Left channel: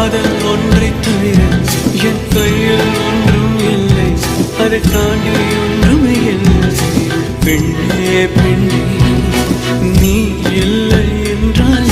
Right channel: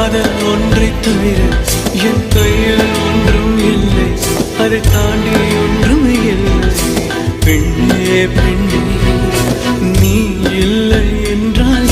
காதல் ஒன்றை தவிர என் கையில் ஒன்றும் இல்லை, அதை தாண்டி ஒன்றும் இல்லை. பெண்ணே பெண்ணே, நீ இல்லை என்றால்